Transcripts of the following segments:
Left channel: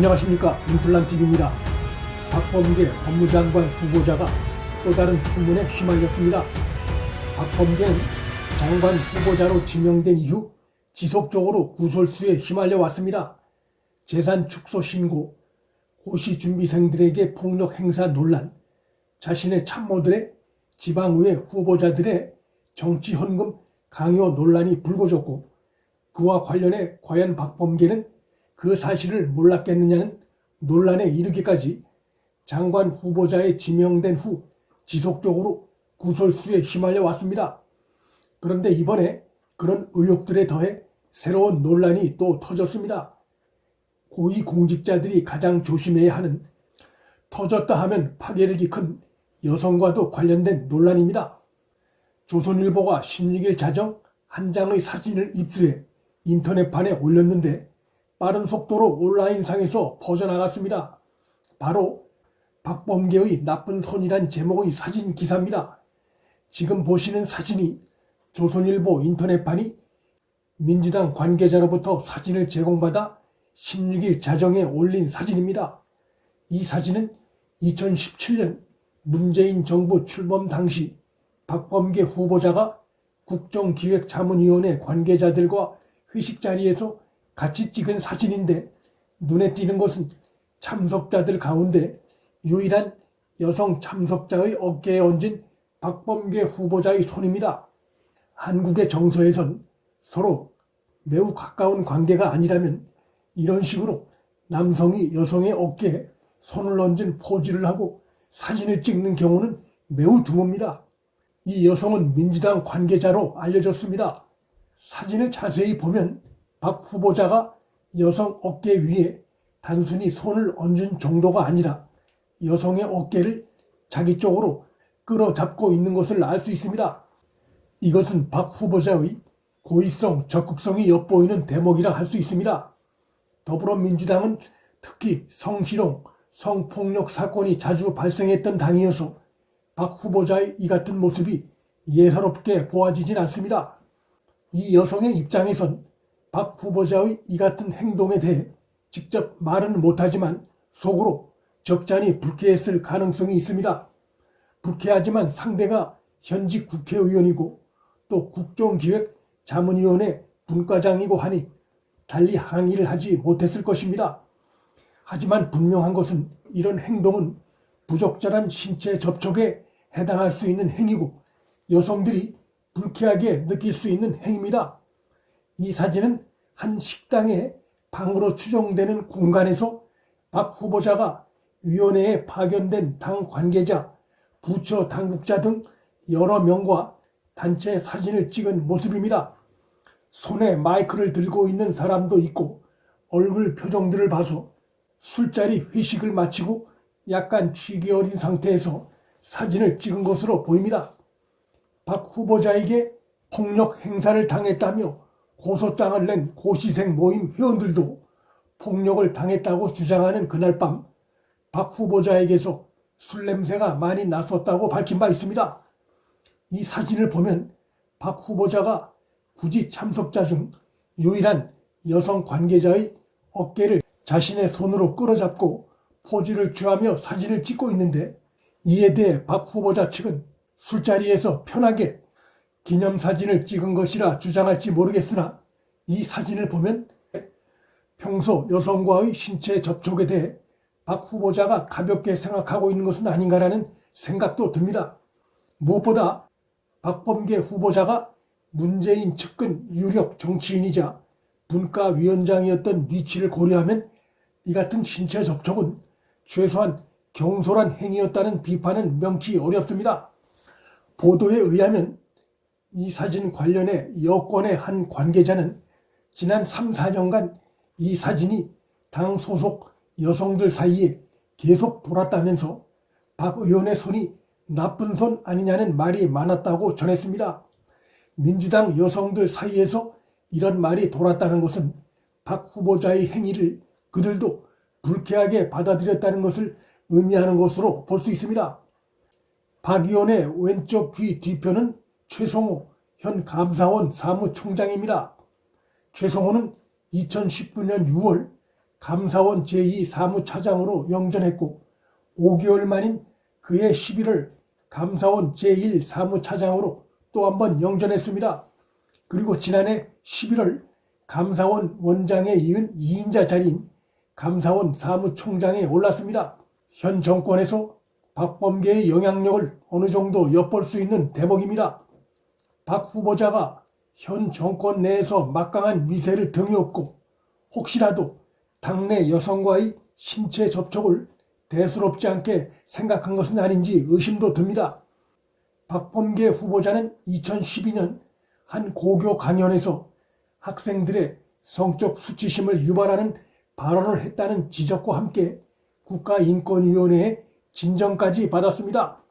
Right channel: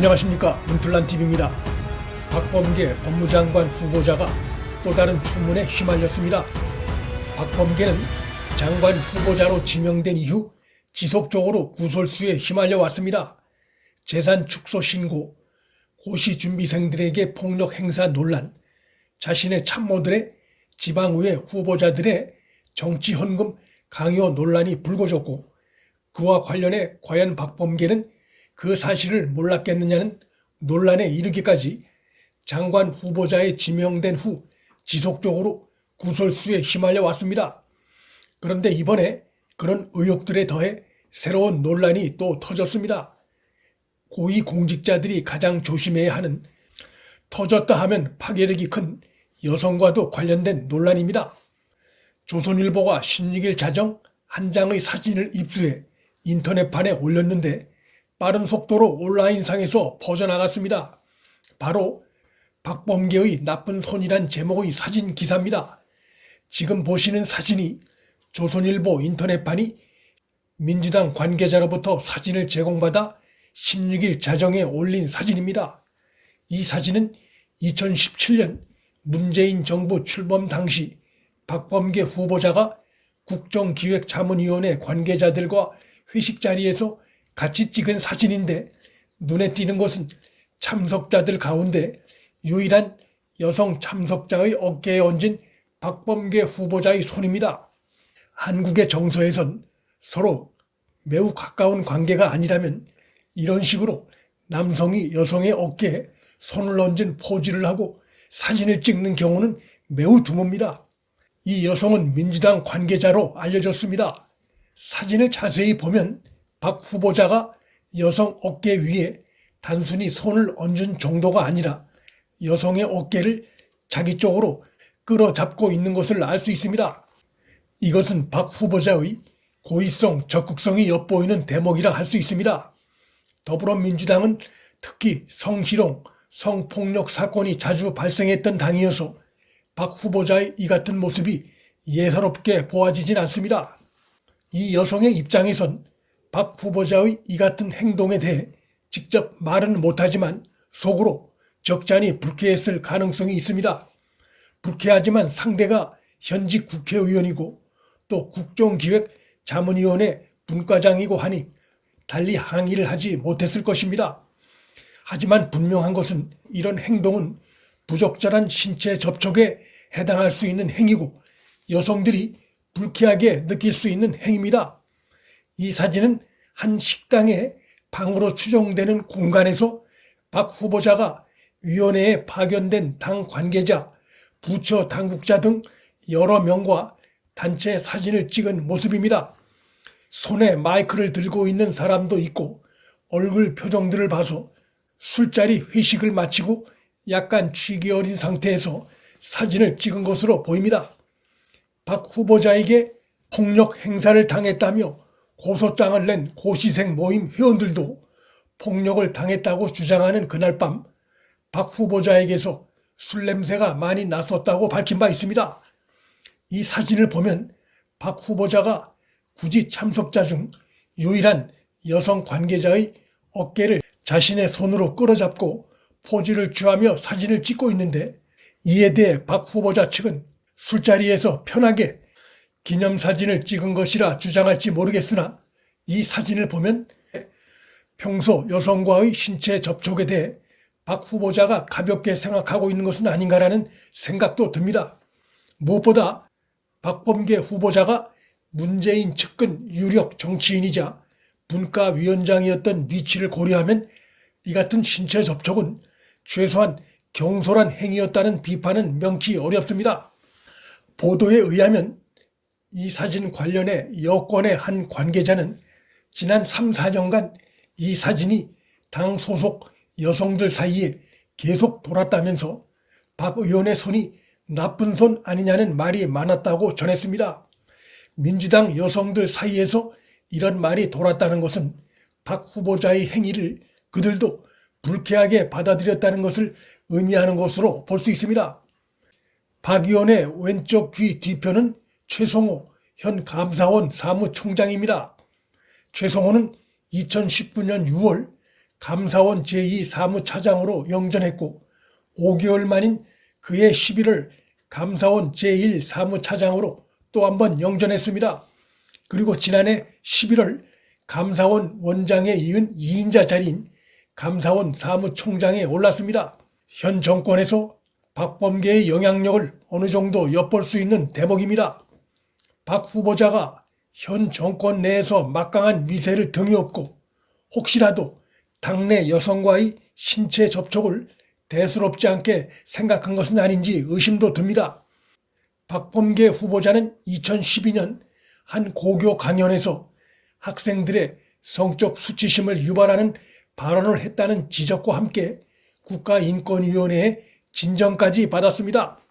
안녕하십니까. 문틀란TV입니다. 박범계 법무장관 후보자가 또 다른 추문에 휘말렸습니다. 박범계는 장관 후보자로 지명된 이후 지속적으로 구설수에 휘말려 왔습니다. 재산 축소 신고, 고시 준비생들에게 폭력 행사 논란, 자신의 참모들의 지방의회 후보자들의 정치 헌금 강요 논란이 불거졌고, 그와 관련해 과연 박범계는 그 사실을 몰랐겠느냐는 논란에 이르기까지 장관 후보자에 지명된 후 지속적으로 구설수에 휘말려 왔습니다. 그런데 이번에 그런 의혹들에 더해 새로운 논란이 또 터졌습니다. 고위공직자들이 가장 조심해야 하는, 터졌다 하면 파괴력이 큰 여성과도 관련된 논란입니다. 조선일보가 16일 자정 한 장의 사진을 입수해 인터넷판에 올렸는데 빠른 속도로 온라인상에서 퍼져나갔습니다. 바로 박범계의 나쁜 손이란 제목의 사진 기사입니다. 지금 보시는 사진이 조선일보 인터넷판이 민주당 관계자로부터 사진을 제공받아 16일 자정에 올린 사진입니다. 이 사진은 2017년 문재인 정부 출범 당시 박범계 후보자가 국정기획자문위원회 관계자들과 회식 자리에서 같이 찍은 사진인데, 눈에 띄는 것은 참석자들 가운데 유일한 여성 참석자의 어깨에 얹은 박범계 후보자의 손입니다. 한국의 정서에선 서로 매우 가까운 관계가 아니라면 이런 식으로 남성이 여성의 어깨에 손을 얹은 포즈를 하고 사진을 찍는 경우는 매우 드뭅니다. 이 여성은 민주당 관계자로 알려졌습니다. 사진을 자세히 보면 박 후보자가 여성 어깨 위에 단순히 손을 얹은 정도가 아니라 여성의 어깨를 자기 쪽으로 끌어잡고 있는 것을 알 수 있습니다. 이것은 박 후보자의 고의성, 적극성이 엿보이는 대목이라 할 수 있습니다. 더불어민주당은 특히 성희롱, 성폭력 사건이 자주 발생했던 당이어서 박 후보자의 이 같은 모습이 예사롭게 보아지진 않습니다. 이 여성의 입장에선 박 후보자의 이 같은 행동에 대해 직접 말은 못하지만 속으로 적잖이 불쾌했을 가능성이 있습니다. 불쾌하지만 상대가 현직 국회의원이고 또 국정기획자문위원회 분과장이고 하니 달리 항의를 하지 못했을 것입니다. 하지만 분명한 것은 이런 행동은 부적절한 신체 접촉에 해당할 수 있는 행위고 여성들이 불쾌하게 느낄 수 있는 행위입니다. 이 사진은 한 식당의 방으로 추정되는 공간에서 박 후보자가 위원회에 파견된 당 관계자, 부처 당국자 등 여러 명과 단체 사진을 찍은 모습입니다. 손에 마이크를 들고 있는 사람도 있고 얼굴 표정들을 봐서 술자리 회식을 마치고 약간 취기 어린 상태에서 사진을 찍은 것으로 보입니다. 박 후보자에게 폭력 행사를 당했다며 고소장을 낸 고시생 모임 회원들도 폭력을 당했다고 주장하는 그날 밤 박 후보자에게서 술 냄새가 많이 났었다고 밝힌 바 있습니다. 이 사진을 보면 박 후보자가 굳이 참석자 중 유일한 여성 관계자의 어깨를 자신의 손으로 끌어잡고 포즈를 취하며 사진을 찍고 있는데, 이에 대해 박 후보자 측은 술자리에서 편하게 기념사진을 찍은 것이라 주장할지 모르겠으나 이 사진을 보면 평소 여성과의 신체 접촉에 대해 박 후보자가 가볍게 생각하고 있는 것은 아닌가라는 생각도 듭니다. 무엇보다 박범계 후보자가 문재인 측근 유력 정치인이자 분과위원장이었던 위치를 고려하면 이 같은 신체 접촉은 최소한 경솔한 행위였다는 비판은 명키 어렵습니다. 보도에 의하면 이 사진 관련해 여권의 한 관계자는 지난 3, 4년간 이 사진이 당 소속 여성들 사이에 계속 돌았다면서 박 의원의 손이 나쁜 손 아니냐는 말이 많았다고 전했습니다. 민주당 여성들 사이에서 이런 말이 돌았다는 것은 박 후보자의 행위를 그들도 불쾌하게 받아들였다는 것을 의미하는 것으로 볼 수 있습니다. 박 의원의 왼쪽 귀 뒤편은 최성호 현 감사원 사무총장입니다. 최성호는 2019년 6월 감사원 제2사무차장으로 영전했고 5개월 만인 그해 11월 감사원 제1사무차장으로 또 한 번 영전했습니다. 그리고 지난해 11월 감사원 원장에 이은 2인자 자리인 감사원 사무총장에 올랐습니다. 현 정권에서 박범계의 영향력을 어느 정도 엿볼 수 있는 대목입니다. 박 후보자가 현 정권 내에서 막강한 위세를 등에 업고 혹시라도 당내 여성과의 신체 접촉을 대수롭지 않게 생각한 것은 아닌지 의심도 듭니다. 박범계 후보자는 2012년 한 고교 강연에서 학생들의 성적 수치심을 유발하는 발언을 했다는 지적과 함께 국가인권위원회의 진정까지 받았습니다.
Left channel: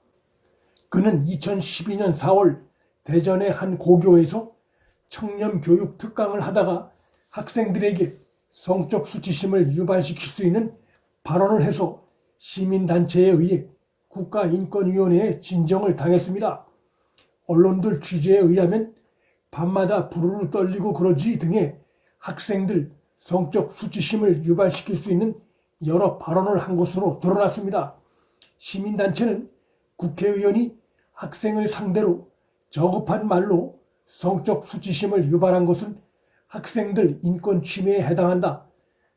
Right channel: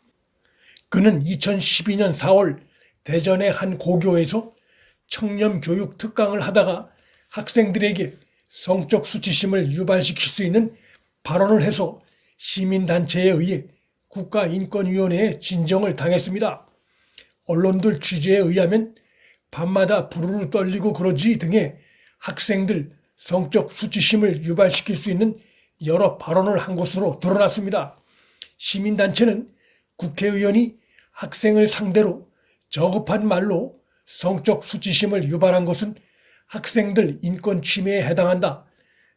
그는 2012년 4월 대전의 한 고교에서 청렴교육 특강을 하다가 학생들에게 성적 수치심을 유발시킬 수 있는 발언을 해서 시민단체에 의해 국가인권위원회에 진정을 당했습니다. 언론들 취재에 의하면 밤마다 부르르 떨리고 그러지 등의 학생들 성적 수치심을 유발시킬 수 있는 여러 발언을 한 것으로 드러났습니다. 시민단체는 국회의원이 학생을 상대로 저급한 말로 성적 수치심을 유발한 것은 학생들 인권 침해에 해당한다.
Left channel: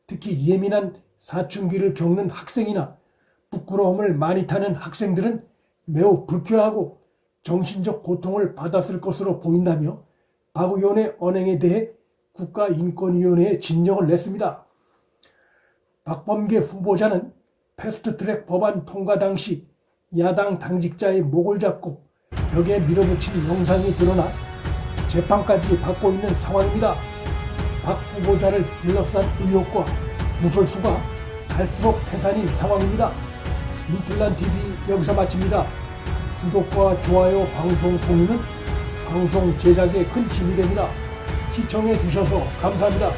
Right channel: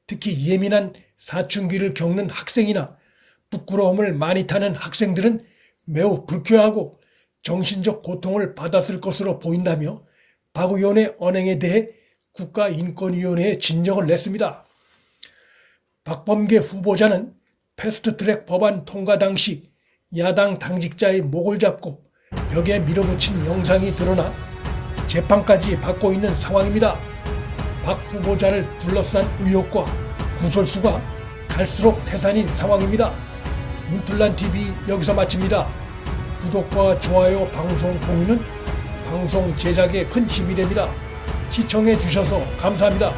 특히 예민한 사춘기를 겪는 학생이나 부끄러움을 많이 타는 학생들은 매우 불쾌하고 정신적 고통을 받았을 것으로 보인다며 박 의원의 언행에 대해 국가인권위원회에 진정을 냈습니다. 박범계 후보자는 패스트트랙 법안 통과 당시 야당 당직자의 목을 잡고 벽에 밀어붙인 영상이 드러나 재판까지 받고 있는 상황입니다. 박 후보자를 둘러싼 의혹과 구설수가 갈수록 태산인 상황입니다. 문틀란TV 여기서 마칩니다. 구독과 좋아요, 방송 공유는 방송 제작에 큰 힘이 됩니다. 시청해 주셔서 감사합니다.